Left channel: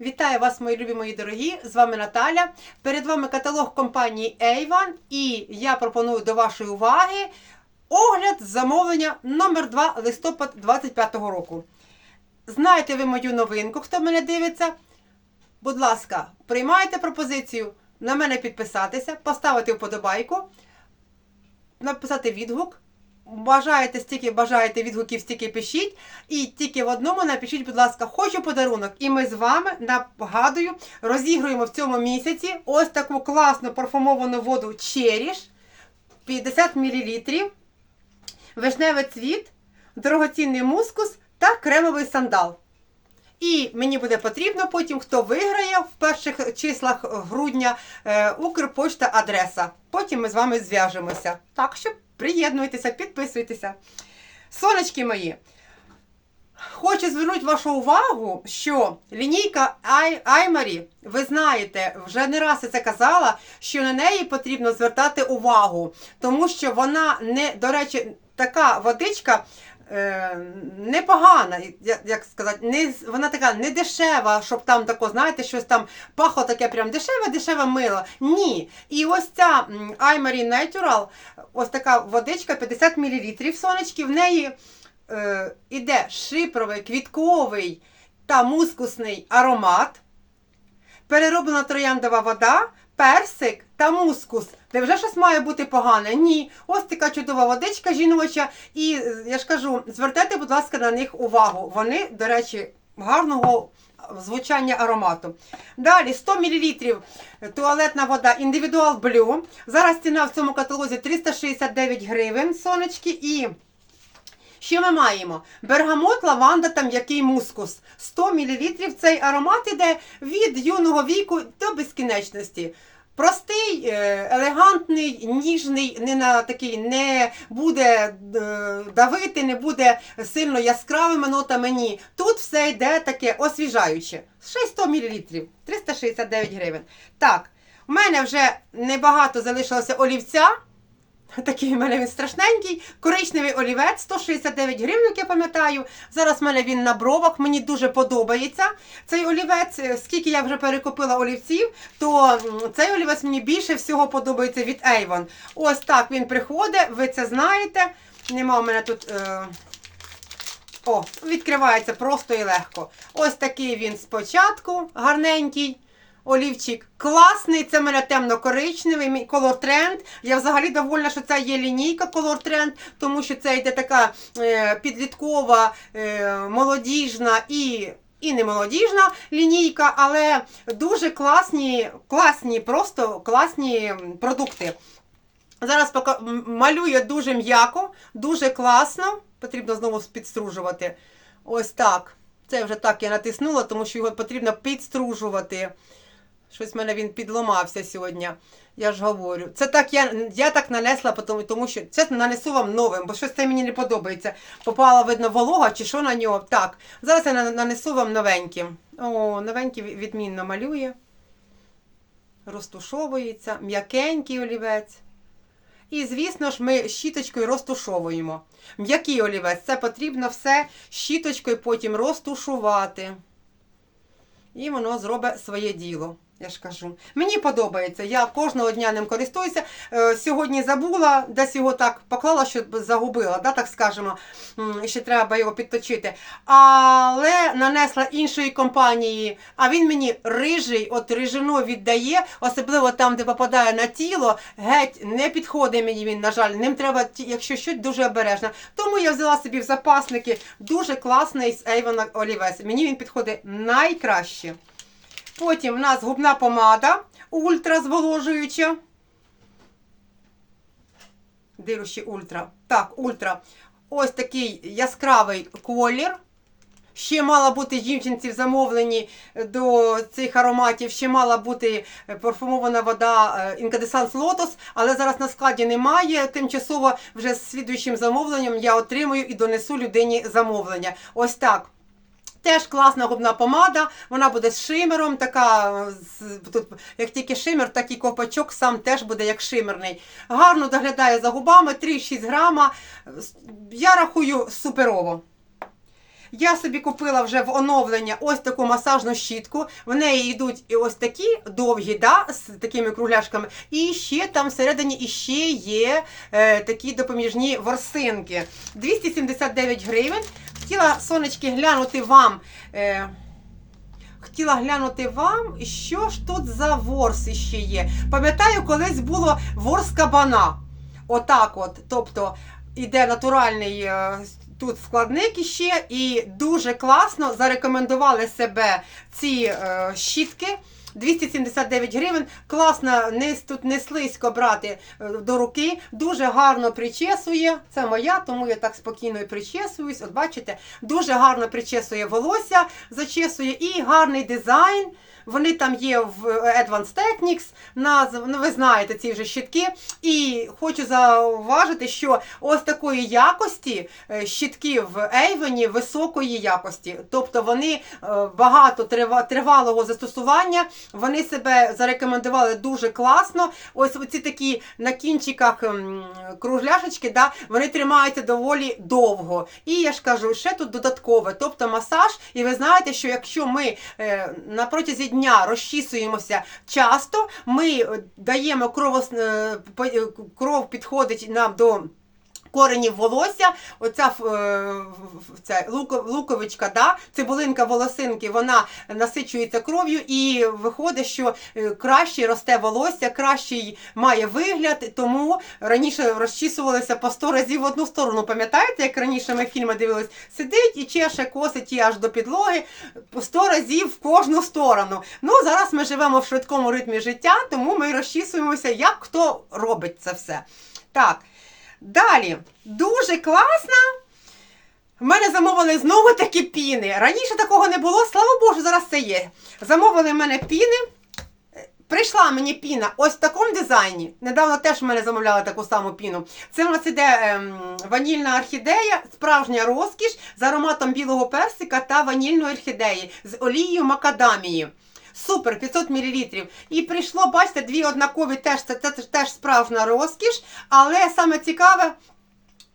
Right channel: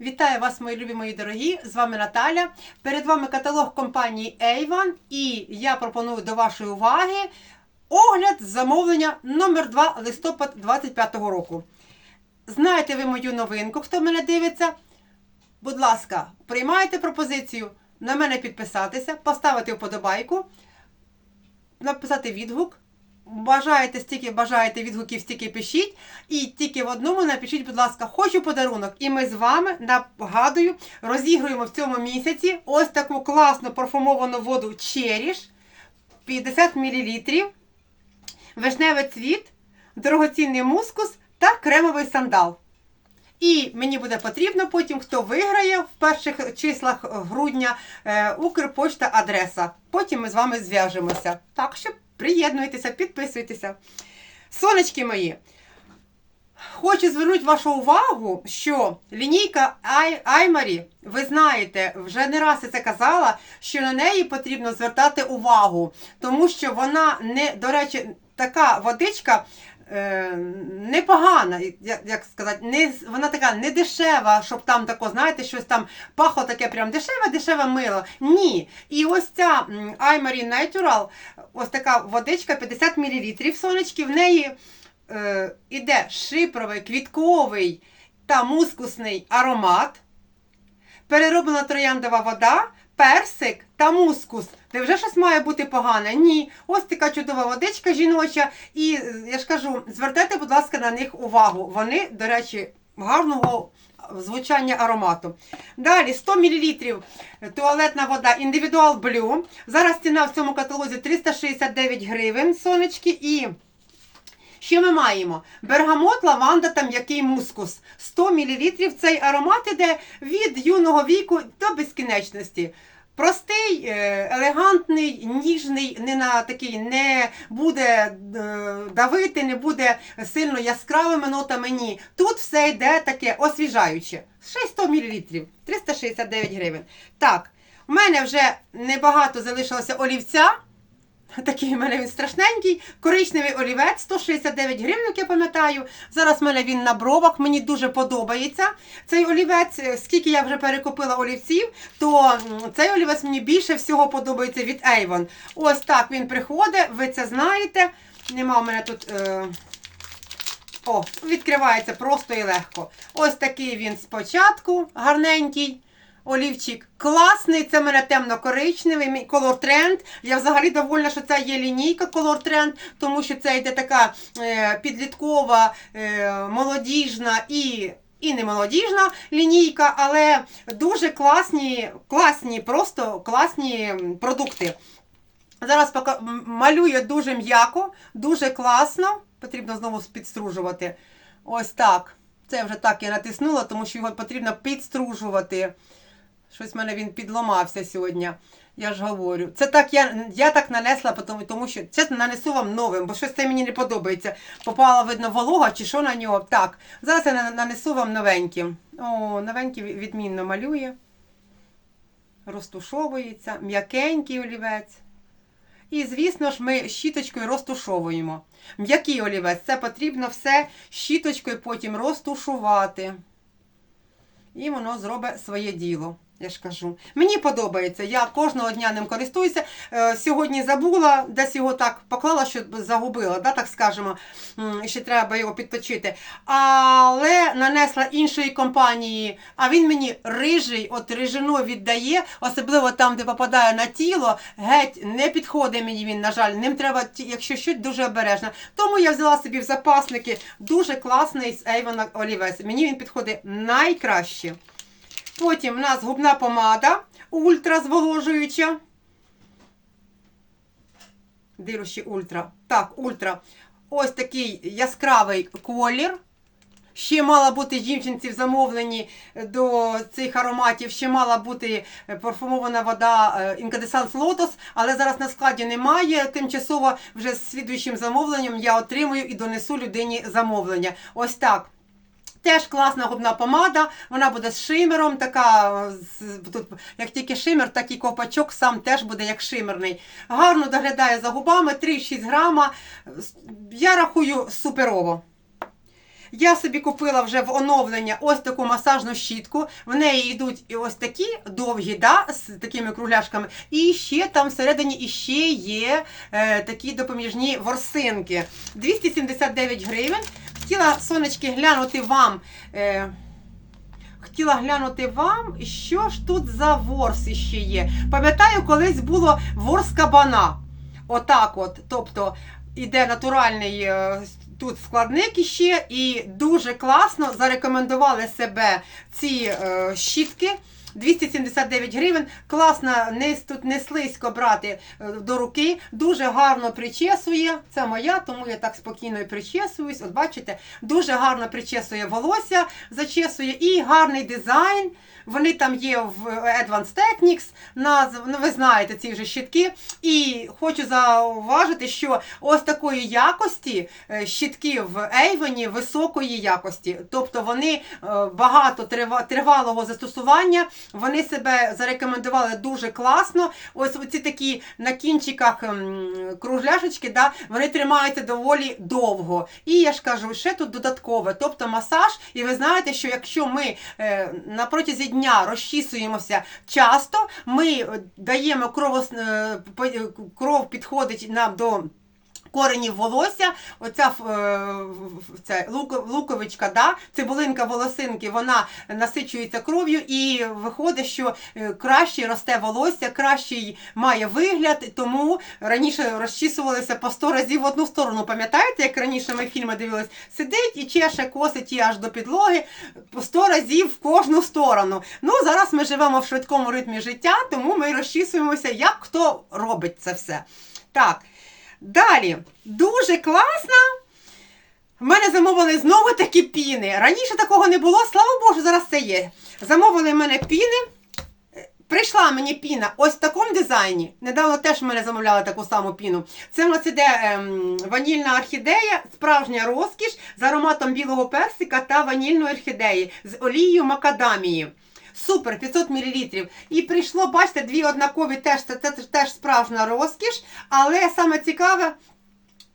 Вітаю вас, мої любі мої дорогі! З вами Наталя. Перед вами каталог компанії Avon і я пропоную до вашої уваги огляд замовлення номер 2 листопад 25 року. Знаєте ви мою новинку, хто мене дивиться? Будь ласка, приймайте пропозицію на мене підписатися, поставити вподобайку, написати відгук. Бажаєте стільки бажаєте відгуків, стільки пишіть. І тільки в одному напишіть, будь ласка, хочу подарунок. І ми з вами нагадую, розігруємо в цьому місяці ось таку класну парфумовану воду Черіш 50 мл, вишневий цвіт, дорогоцінний мускус та кремовий сандал. І мені буде потрібно потім, хто виграє в перших числах грудня е, Укрпочта адреса. Потім ми з вами зв'яжемося. Так що приєднуйтеся, підписуйтеся. Сонечки мої, хочу звернути вашу увагу, що лінійка Ай- Аймарі, ви знаєте, вже не раз я це казала, що на неї потрібно звертати увагу, тому що вона не, до речі, така водичка. Е, Непогана, як, сказати, не, вона така не дешева, щоб там тако, знаєте, щось там пахло таке прям дешеве, дешеве мило. Ні. І ось ця Imarie Natural, ось така водичка 50 мл сонечки, в неї е, іде шипровий, квітковий та мускусний аромат, перероблена трояндова вода, персик та мускус. Невже щось має бути погане? Ні. Ось така чудова водичка жіноча. І е, я ж кажу, звертайте, будь ласка, на них увагу. Вони, до речі, гарного звучання аромату. Далі 100 мл туалетна вода Individual Blue. Зараз ціна в цьому каталозі 369 гривень, сонечки. І що ми маємо? Бергамот, лаванда та м'який мускус. 100 мл цей аромат іде від юного віку до безкінечності. Простий, е, елегантний, ніжний, не на такий не буде е, давити, не буде сильно яскравими нотами. Ні. Тут все йде таке освіжаюче. Ще й 100 мл, 369 гривень. Так, у мене вже небагато залишилося олівця. Такий в мене він страшненький. Коричневий олівець, 169 гривень, я пам'ятаю. Зараз в мене він на бровах, мені дуже подобається цей олівець. Е, Скільки я вже перекупила олівців, то цей олівець мені більше всього подобається від Avon. Ось так він приходить, ви це знаєте. Нема у мене тут. Е... О, відкривається просто і легко. Ось такий він спочатку, гарненький. Олівчик класний, це в мене темно-коричневий, Color Trend. Я взагалі довольна, що це є лінійка Color Trend, тому що це йде така е, підліткова, е, молодіжна і. І не молодіжна лінійка, але дуже класні, класні, просто класні продукти. Зараз пока малює дуже м'яко, дуже класно. Потрібно знову підстружувати. Ось так. Це вже так я натиснула, тому що його потрібно підстружувати. Щось в мене він підломався сьогодні. Я ж говорю. Це так я, я так нанесла, тому, тому що чесно нанесу вам новим, бо щось це мені не подобається. Попала, видно, волога чи що на нього. Так, зараз я нанесу вам новеньким. О, новенький відмінно малює. Розтушовується, м'якенький олівець. І, звісно ж, ми щіточкою розтушовуємо. М'який олівець, це потрібно все щіточкою потім розтушувати. І воно зробить своє діло. Я ж кажу. Мені подобається. Я кожного дня ним користуюся. Е, сьогодні забула, десь його так поклала, що загубила, да, так скажемо. Ще треба його підточити. Але нанесла іншої компанії, а він мені рижий, от рижину віддає, особливо там, де попадає на тіло, геть не підходить мені він, на жаль. Ним треба, якщо щось, дуже обережно. Тому я взяла собі в запасники дуже класний з Avon олівець. Мені він підходить найкраще. Потім в нас губна помада ультра зволожуюча. Дирущі ультра. Так, ультра. Ось такий яскравий колір. Ще мала бути жінчинці в замовленні до цих ароматів, ще мала бути парфумована вода Incandescence Lotus, але зараз на складі немає. Тимчасово вже з слідуючим замовленням я отримую і донесу людині замовлення. Ось так. Теж класна губна помада, вона буде з шимером, така, тут, як тільки шимер, так і копачок сам теж буде як шимерний. Гарно доглядає за губами, 3-6 грама. Я рахую суперово. Я собі купила вже в оновлення ось таку масажну щітку. В неї йдуть і ось такі довгі, да, з такими кругляшками. І ще там всередині іще є е, такі допоміжні ворсинки. 279 гривень. Хотіла, сонечки, глянути вам. Е, Хотіла глянути вам, що ж тут за ворс іще є. Пам'ятаю, колись було ворс кабана. Отак от. Тобто іде натуральний е, тут складник іще, і дуже класно зарекомендували себе ці е, щітки. 279 гривень. Класно, не, тут не слизько брати е, до руки. Дуже гарно причесує. Це моя, тому я так спокійно і причесуюсь. От бачите, дуже гарно причесує волосся, зачесує і гарний дизайн. Вони там є в Advanced Techniques, назв, ну ви знаєте ці вже щітки. І хочу зауважити, що ось такої якості е, щітки в Avon високої якості. Тобто вони е, багато тривалого застосування, вони себе зарекомендували дуже класно. Ось оці такі на кінчиках м, кругляшечки, да, вони тримаються доволі довго. І я ж кажу, ще тут додаткове, тобто масаж. І ви знаєте, що якщо ми е, на протязі дня розчісуємося часто, ми е, даємо кров, кров підходить нам до. Коренів волосся, оця е, ця луко- луковичка, да, цибулинка волосинки, вона насичується кров'ю і виходить, що е, краще росте волосся, кращий має вигляд, тому раніше розчісувалися по 100 разів в одну сторону. Пам'ятаєте, як раніше ми фільми дивились? Сидить і чеше косить її аж до підлоги по 100 разів в кожну сторону. Ну, зараз ми живемо в швидкому ритмі життя, тому ми розчісуємося, як хто робить це все. Так. Далі, дуже класно. В мене замовили знову такі піни. Раніше такого не було, слава Богу, зараз це є. Замовили в мене піни. Прийшла мені піна ось в такому дизайні. Недавно теж в мене замовляли таку саму піну. Це в нас іде ем, ванільна орхідея, справжня розкіш з ароматом білого персика та ванільної орхідеї з олією макадамії. Супер, 500 мл. І прийшло, бачите, дві однакові теж це, це теж справжня розкіш. Але саме цікаве,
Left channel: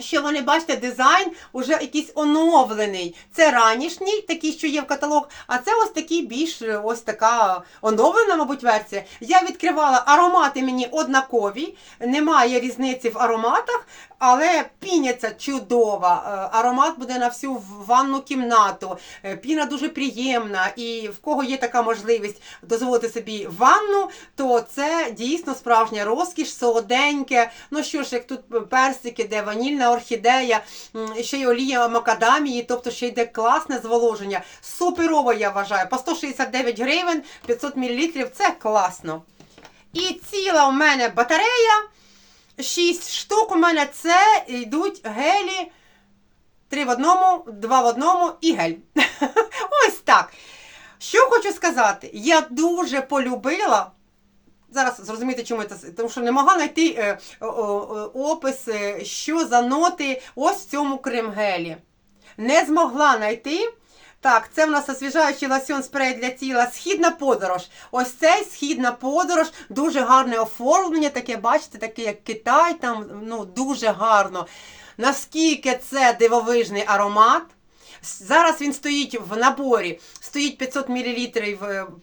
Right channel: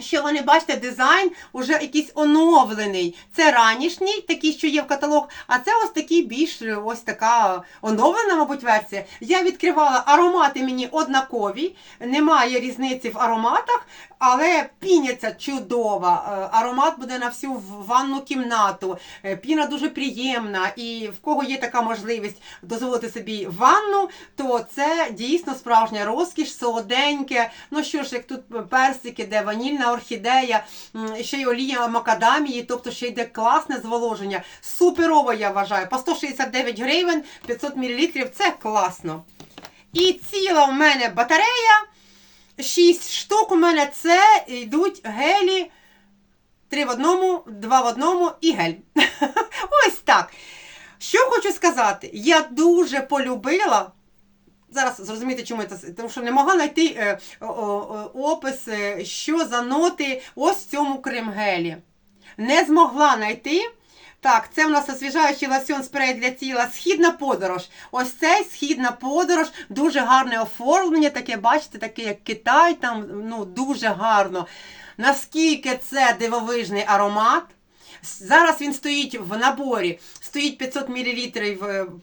що вони, бачите, дизайн уже якийсь оновлений. Це ранішній, такий, що є в каталог, а це ось такий більш ось така оновлена, мабуть, версія. Я відкривала аромати мені однакові, немає різниці в ароматах, але піня ця чудова. Е, Аромат буде на всю ванну кімнату. Е, Піна дуже приємна, і в кого є така можливість дозволити собі ванну, то це дійсно справжня розкіш, солоденьке. Ну що ж, як тут персики, де ванільна орхідея, ще й олія макадамії, тобто ще йде класне зволоження. Суперово, я вважаю. По 169 гривень 500 мл це класно. І ціла у мене батарея. 6 штук у мене це йдуть гелі. Три в одному, два в одному і гель. Ось так. Що хочу сказати, я дуже полюбила. Зараз зрозумієте, чому це, тому що не могла знайти е, о, опис, е, що за ноти ось в цьому крем-гелі. Не змогла знайти. Так, це в нас освіжаючий лосьон спрей для тіла. Східна подорож. Ось цей східна подорож, дуже гарне оформлення, таке, бачите, таке як Китай, там ну, дуже гарно. Наскільки це дивовижний аромат. Зараз він стоїть в наборі. Стоїть 500 мл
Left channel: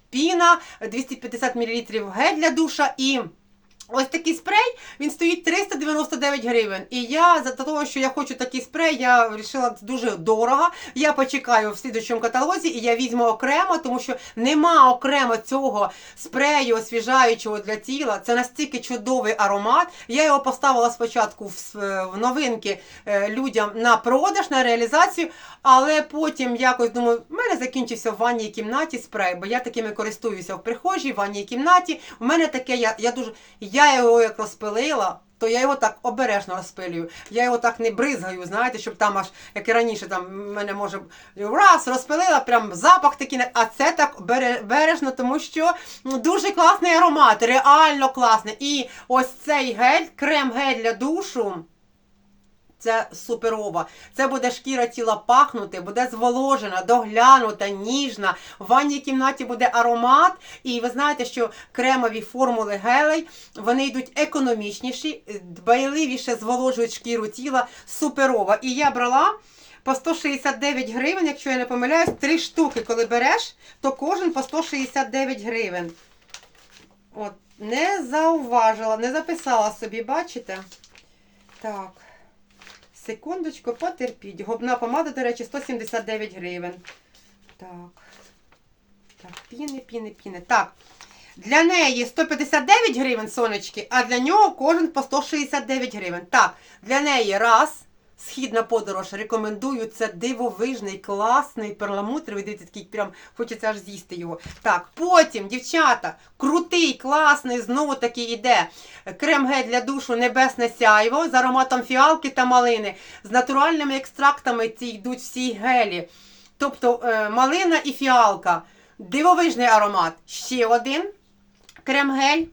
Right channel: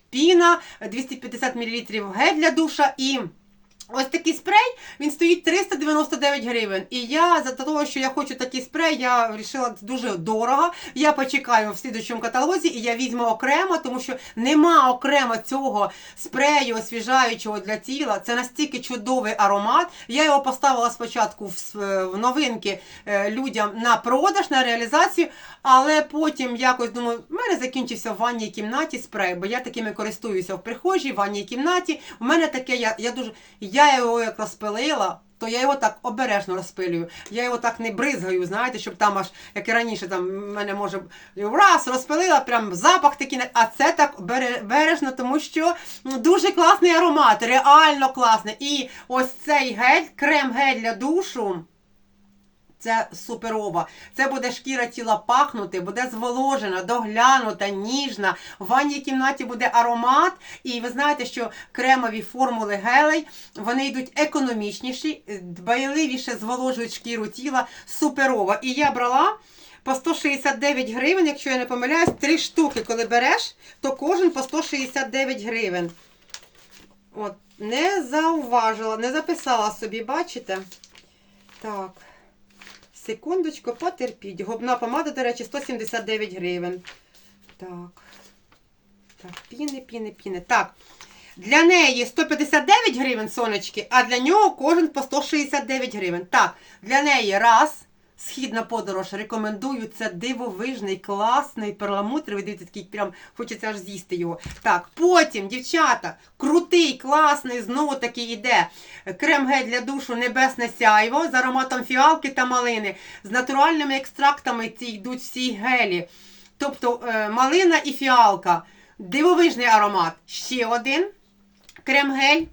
піна, 250 мл гель для душа і. Ось такий спрей, він стоїть 399 гривень. І я за того, що я хочу такий спрей, я вирішила дуже дорого. Я почекаю в слідчому каталозі і я візьму окремо, тому що нема окремо цього спрею освіжаючого для тіла. Це настільки чудовий аромат. Я його поставила спочатку в, в новинки е, людям на продаж, на реалізацію, але потім якось думаю, в мене закінчився в ванній кімнаті спрей, бо я такими користуюся в прихожій, в ванній кімнаті. У мене таке, я, я дуже. Я його як розпилила, то я його так обережно розпилюю. Я його так не бризгаю, знаєте, щоб там аж, як і раніше, там мене може раз розпилила, прям запах такий, а це так бережно, тому що ну, дуже класний аромат, реально класний. І ось цей гель, крем-гель для душу. Це суперова. Це буде шкіра тіла пахнути, буде зволожена, доглянута, ніжна. В ванній кімнаті буде аромат. І ви знаєте, що кремові формули гелей вони йдуть економічніші, дбайливіше зволожують шкіру тіла. Суперова. І я брала по 169 гривень, якщо я не помиляюсь, три штуки, коли береш, то кожен по 169 гривень. От, не зауважила, не записала собі, бачите? Так. Секундочку, потерпіть. Губна помада, до речі, 179 гривень. Так. Так, піни, піни, піни. Так. Для неї 159 гривень сонечки, а для нього кожен по 169 гривень. Так, для неї раз. Східна подорож. Рекомендую. Це дивовижний, класний перламутровий. Дивіться, такий прям хочеться аж з'їсти його. Так, потім, дівчата, крутий, класний, знову таки йде. Крем-гель для душу Небесне сяйво з ароматом фіалки та малини. З натуральними екстрактами ці йдуть всі гелі. Тобто е, малина і фіалка. Дивовижний аромат. Ще один крем-гель.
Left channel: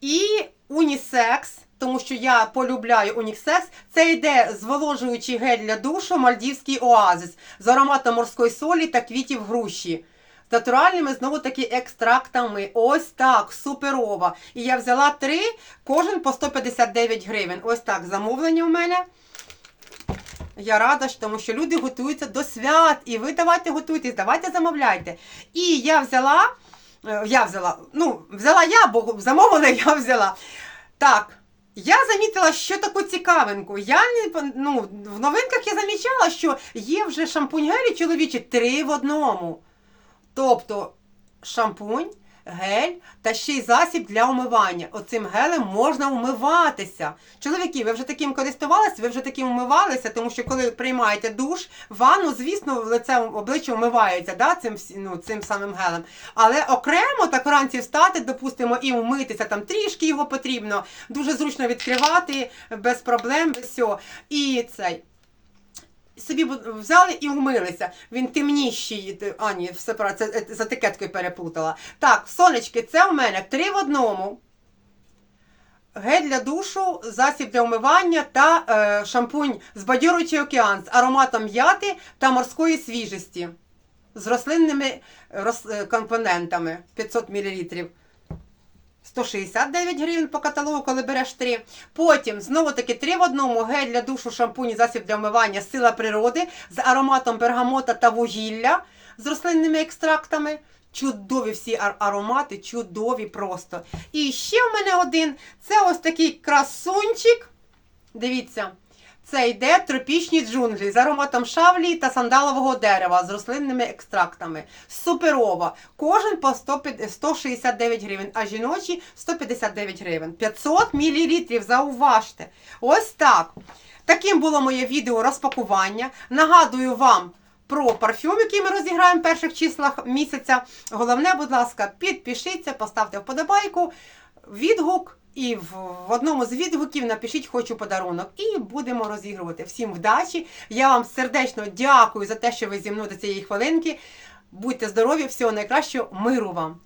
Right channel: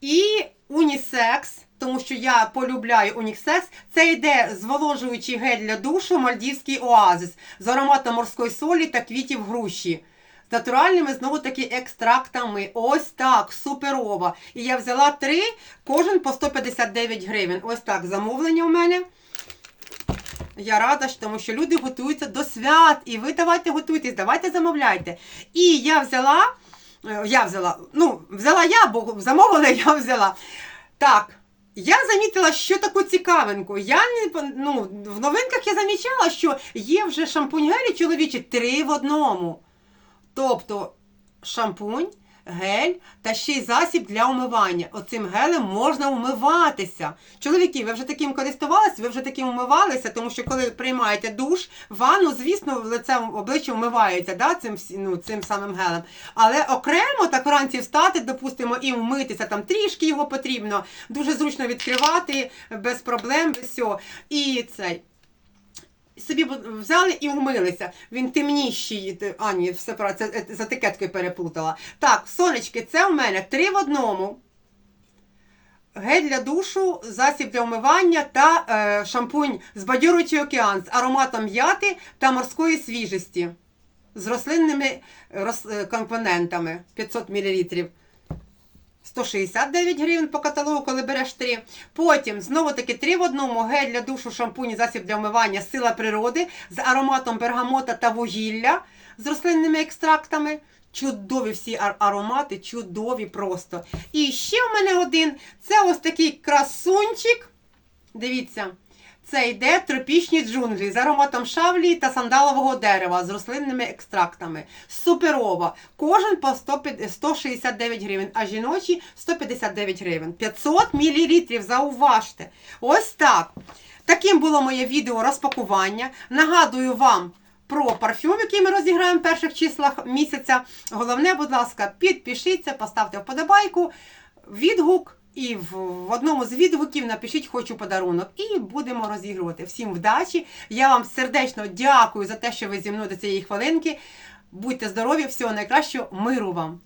І унісекс, тому що я полюбляю унісекс. Це йде зволожуючий гель для душу Мальдівський оазис з ароматом морської солі та квітів груші. З натуральними знову таки екстрактами. Ось так, суперова. І я взяла три, кожен по 159 гривень. Ось так, замовлення у мене. Я рада, тому що люди готуються до свят. І ви давайте готуйтесь, давайте замовляйте. І я взяла, е, я взяла, ну, взяла я, бо замовила, я взяла. Так. Я замітила, що таку цікавинку. Я не ну, в новинках я замічала, що є вже шампунь гелі чоловічі три в одному. Тобто шампунь, гель та ще й засіб для умивання. Оцим гелем можна умиватися. Чоловіки, ви вже таким користувалися, ви вже таким умивалися, тому що коли приймаєте душ, ванну, звісно, в лице обличчя вмивається да, цим, ну, цим самим гелем. Але окремо так вранці встати, допустимо, і вмитися, там трішки його потрібно. Дуже зручно відкривати без проблем, без всього. І цей собі взяли і вмилися. Він темніший. т- А, ні, все правильно, це е, з етикеткою переплутала. Так, сонечки, це у мене три в одному. Гель для душу, засіб для умивання та е, шампунь збадьорюючий океан з ароматом м'яти та морської свіжості. З рослинними роз, е, компонентами 500 мл. 169 гривень по каталогу, коли береш три. Потім знову таки три в одному гель для душу, шампунь, засіб для вмивання, сила природи з ароматом бергамота та вугілля з рослинними екстрактами. Чудові всі аромати, чудові просто. І ще в мене один це ось такий красунчик. Дивіться, це йде тропічні джунглі з ароматом шавлі та сандалового дерева з рослинними екстрактами. Суперова. Кожен по 169 гривень, а жіночі 159 гривень. 500 мл, зауважте. Ось так. Таким було моє відео розпакування. Нагадую вам про парфюм, який ми розіграємо в перших числах місяця. Головне, будь ласка, підпишіться, поставте вподобайку, відгук. І в, одному з відгуків напишіть хочу подарунок. І будемо розігрувати. Всім вдачі! Я вам сердечно дякую за те, що ви зі мною до цієї хвилинки. Будьте здорові, всього найкращого, миру вам!